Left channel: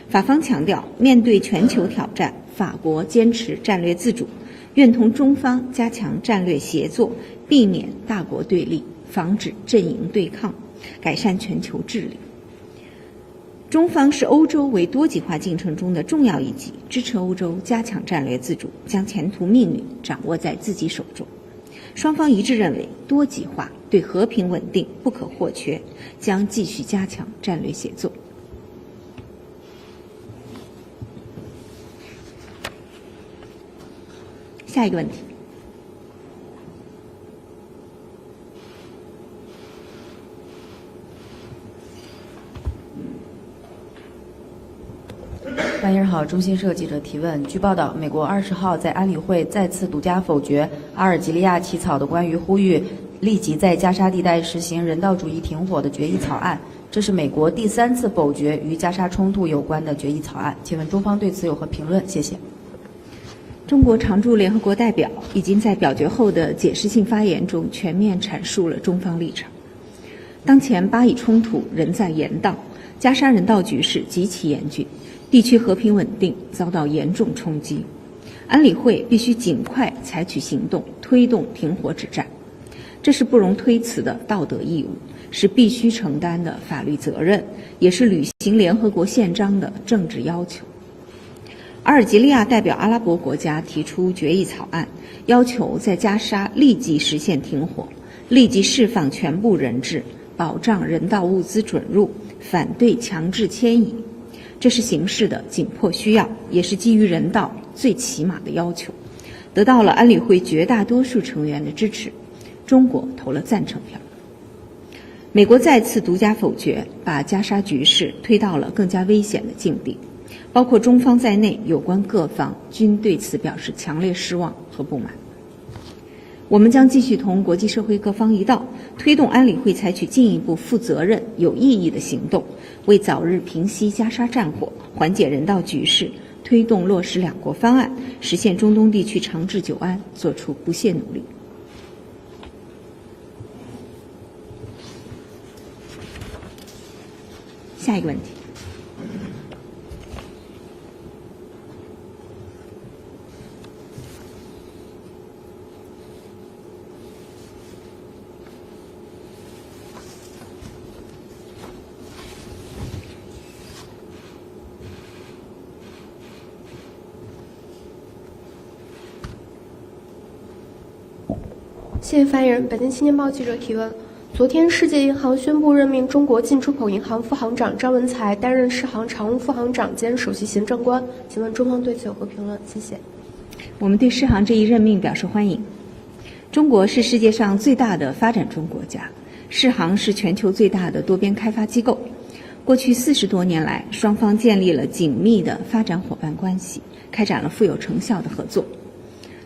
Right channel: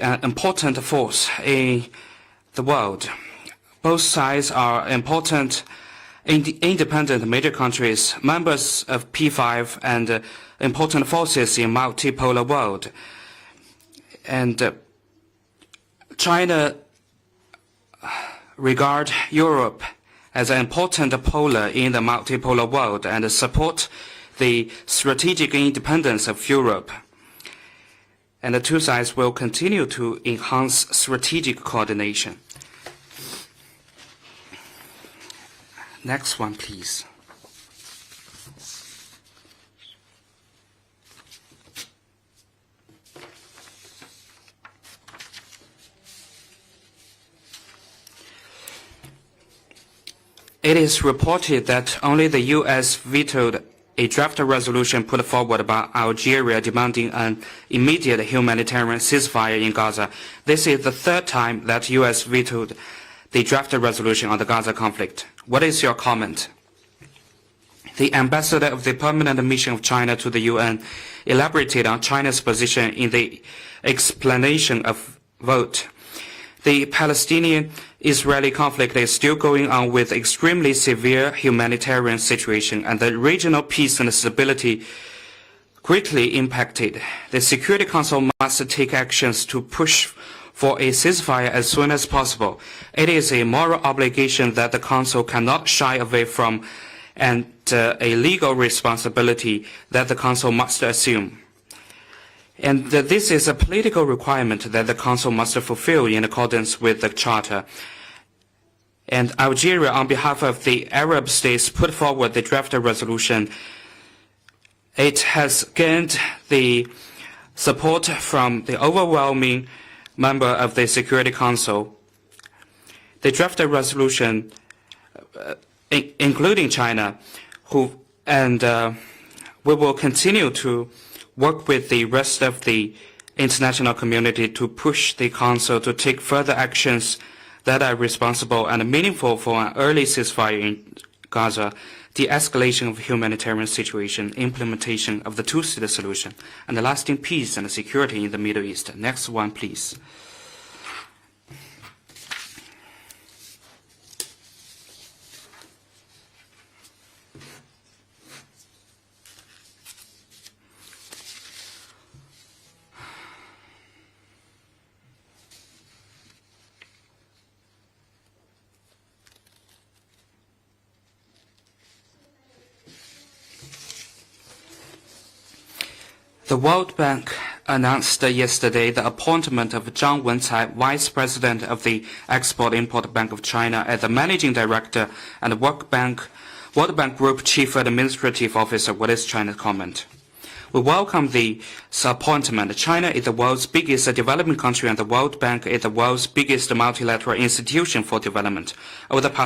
法方强调，面对全球挑战，法国坚持战略自主，愿同中方加强战略协作，避免大国对立，防止阵营对抗，改善全球治理。中方视欧洲为多极化进程中的重要一体，支持欧洲加强战略自主，将全球命运掌握在自己手中。双方一致认为，多极化对和平稳定不可或缺，将继续加强战略协作。And the two sides will continue to enhance strategic coordination. 下一个问题。Next one, please. 半夜好，中新社记者提问：据报道，美国20号在安理会再次独家否决阿尔及利亚起草的关于呼吁立即在加沙地带实行人道主义停火的决议草案，这是美国第3次否决与加沙冲突有关的决议草案。请问中方对此有何评论？谢谢。中国常驻联合国代表已经在表决后的解释性发言中全面阐述了中方立场。当前巴以冲突仍在延宕，加沙人道局势极其严峻。地区和平稳定遭到严重冲击，安理会必须尽快采取行动，推动中国止战，这是不容推辞的道德义务，是必须承担的法律责任，也是履行联合国宪章的政治要求。阿尔及利亚代表阿拉伯国家提出决议草案，要求在加沙立即实现停火，立即释放全部人质，保障人道物资准入。And this is a political requirement that the Council must fulfill in accordance with the Charter. And Algeria, on behalf of the Arab states, put forward the draft resolution. It has gained the support from the overwhelming member of the Security Council. The draft resolution, including China, and we will continue to work with the rest of the international community to push the Council to take further actions that are responsible and meaningful for an early ceasefire in Gaza, the escalation of humanitarian situation, implementation of the two-state solution, and the lasting peace and security in the Middle East. Next one, please.谢谢发言人。北京青年报记者提问：昨天，世界银行宣布任命中国进出口银行副行长张文才担任世行常务副行长兼首席行政官。中方对此有何评论？对世行这一任命表示欢迎。中国是世界上最大的发展中国家，世行是全球最大的多边开发机构。过去40多年来，双方建立了紧密的发展伙伴关系，开展了富有成效的合作。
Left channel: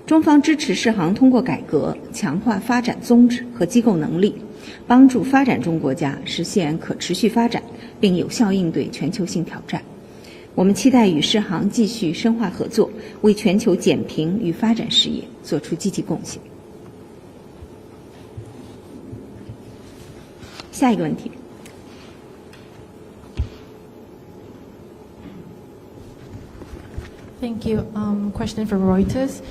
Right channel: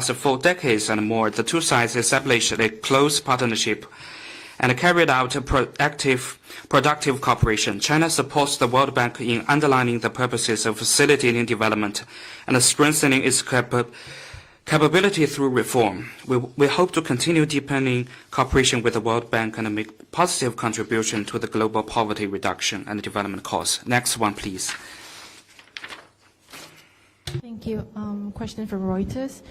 中方支持世行通过改革强化发展综合和机构能力，帮助发展中国家实现可持续发展，并有效应对全球性挑战。我们期待与世行继续深化合作，为全球减贫与发展事业做出积极贡献。To continue deepening cooperation with the World Bank and make positive contribution to the global poverty reduction and development cause. Next one, please. Thank you. Question from Reuters.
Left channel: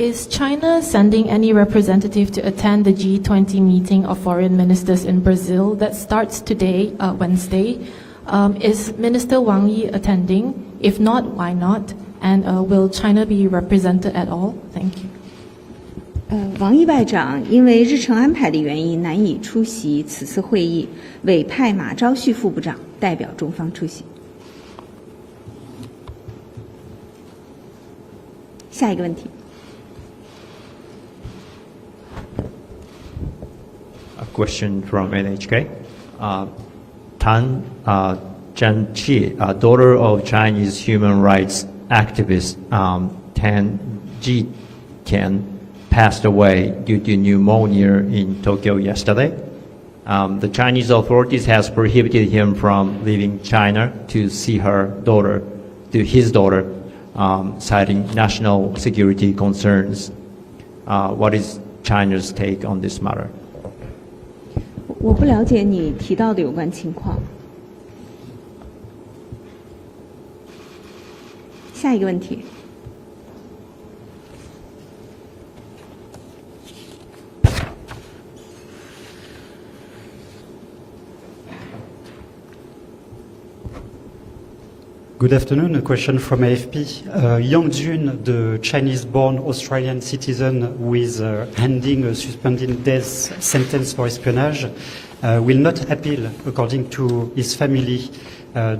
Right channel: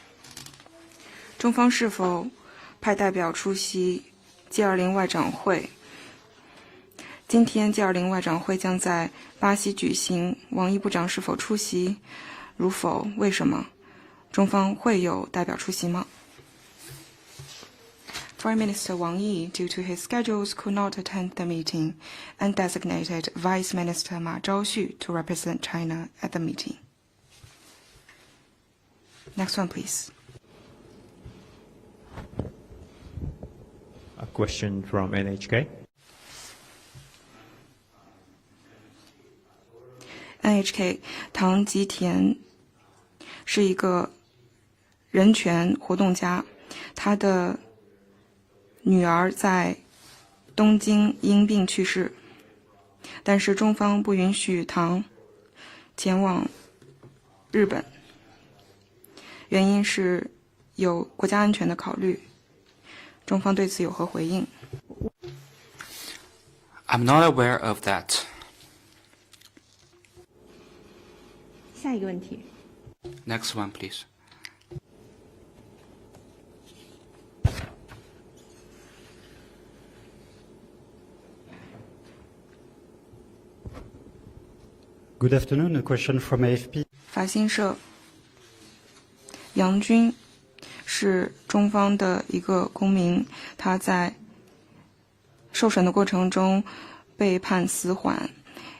Is China sending any representative to attend the G20 meeting of foreign ministers in Brazil that starts today, Wednesday? Is Minister Wang Yi attending? If not, why not? And will China be represented at all? Thank you. 王毅外长因为日程安排的原因难以出席此次会议，委派马昭旭副部长代表中方出席。下一个问题。Next one, please. A question from NHK. Tan Zhangqi, daughter of Chinese human rights activist Tan Zhitian, passed away due to pneumonia in Tokyo yesterday. The Chinese authorities has prohibited him from leaving China to see his daughter, citing national security concerns. What is China's take on this matter? 我不了解你提到的有关情况。I'm not aware of that. 下一个问题。 Next one, please. Good afternoon. A question from AFP. Yang Jun, the Chinese-born Australian citizen with handing a suspended death sentence for espionage, will not appeal, according to his family.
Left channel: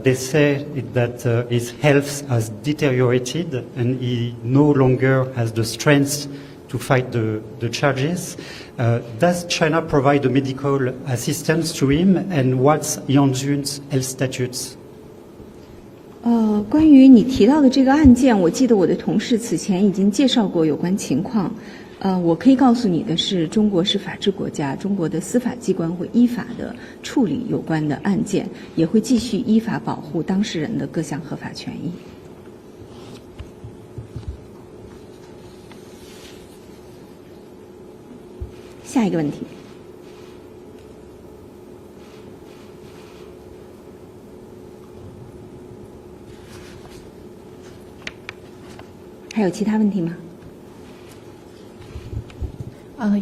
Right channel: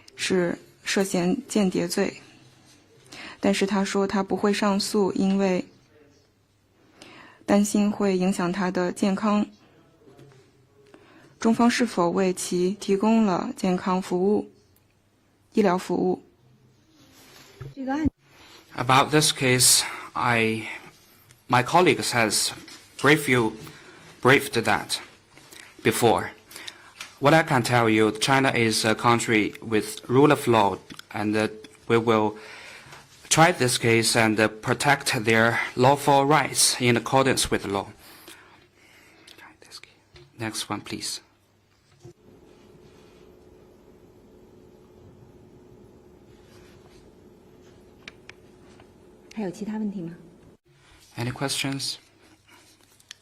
They say that his health has deteriorated and he no longer has the strength to fight the charges. Does China provide the medical assistance to him, and what's Yang Jun's health status? 关于你提到的这个案件，我记得我的同事此前已经介绍过有关情况。我可以告诉你的是，中国是法治国家，中国的司法机关会依法的处理有关的案件，也会继续依法保护当事人的各项合法权益。We will try this case and protect their lawful rights in accordance with the law. 下一个问题。 Next one, please. 还有其他问题吗？ Any questions?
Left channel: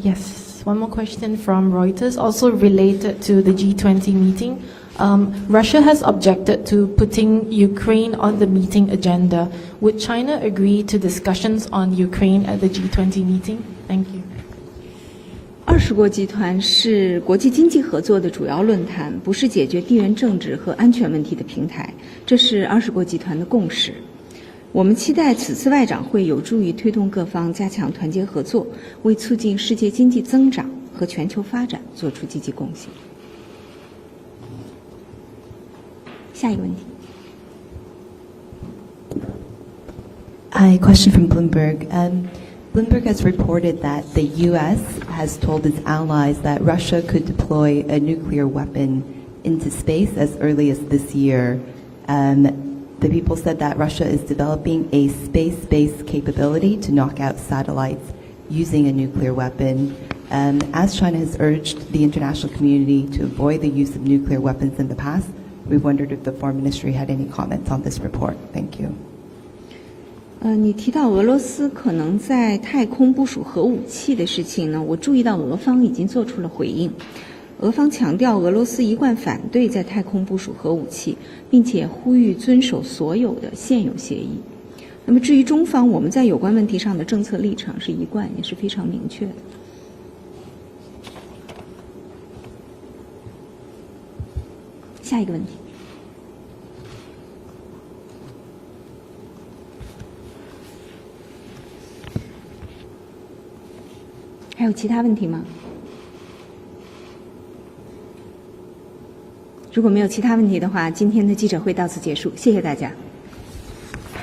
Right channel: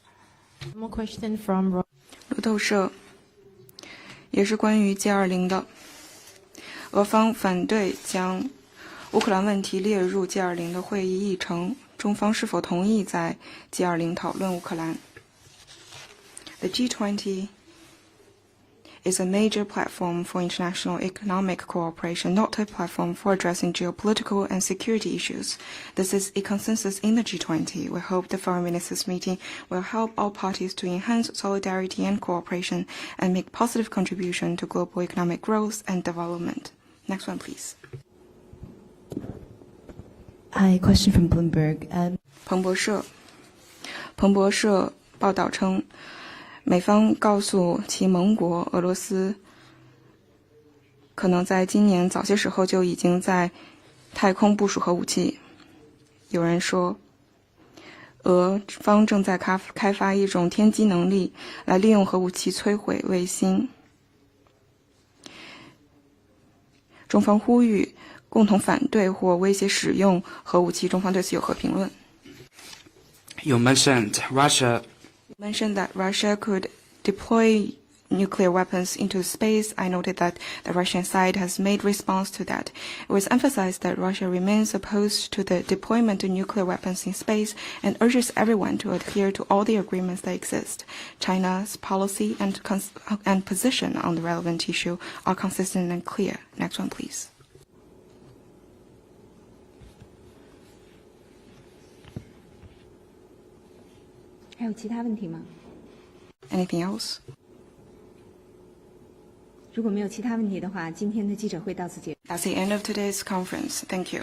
Yes. One more question from Reuters, also related to the G20 meeting. Russia has objected to putting Ukraine on the meeting agenda. Would China agree to discussions on Ukraine at the G20 meeting? 20国集团是国际经济合作的主要论坛，不是解决地缘政治和安全问题的平台。这是20国集团的共识。我们期待此次外长会有助于推动各方加强团结合作，为促进世界经济增长和全球发展做出积极贡献。下一个问题。 A question from Bloomberg. Bloomberg has reported that the U.S. has told its allies that Russia could deploy a nuclear weapon into space as early as this year. The people said that Russia is developing a space-based capability to knock out satellites using a nuclear weapon. As China has urged the international community to avoid the use of nuclear weapons in the past, we wondered if the Foreign Ministry had any comments on this report. 你提到俄罗斯可能在太空部署核武器的事情呢，我注意到俄方已经做出了回应。俄方强调俄罗斯一贯反对在太空部署核武器，并且呼吁遵守所有的现有协议。那么至于中方，我们在有关问题上的政策立场是一贯的，是非常明确的。 China's policy and position on the relevant issue are consistent and clear. Next one, please. 还有其他问题吗？ Anything else? 如果没有其他问题的话，今天的记者会到此结束，谢谢大家。 Today's conference. Thank you.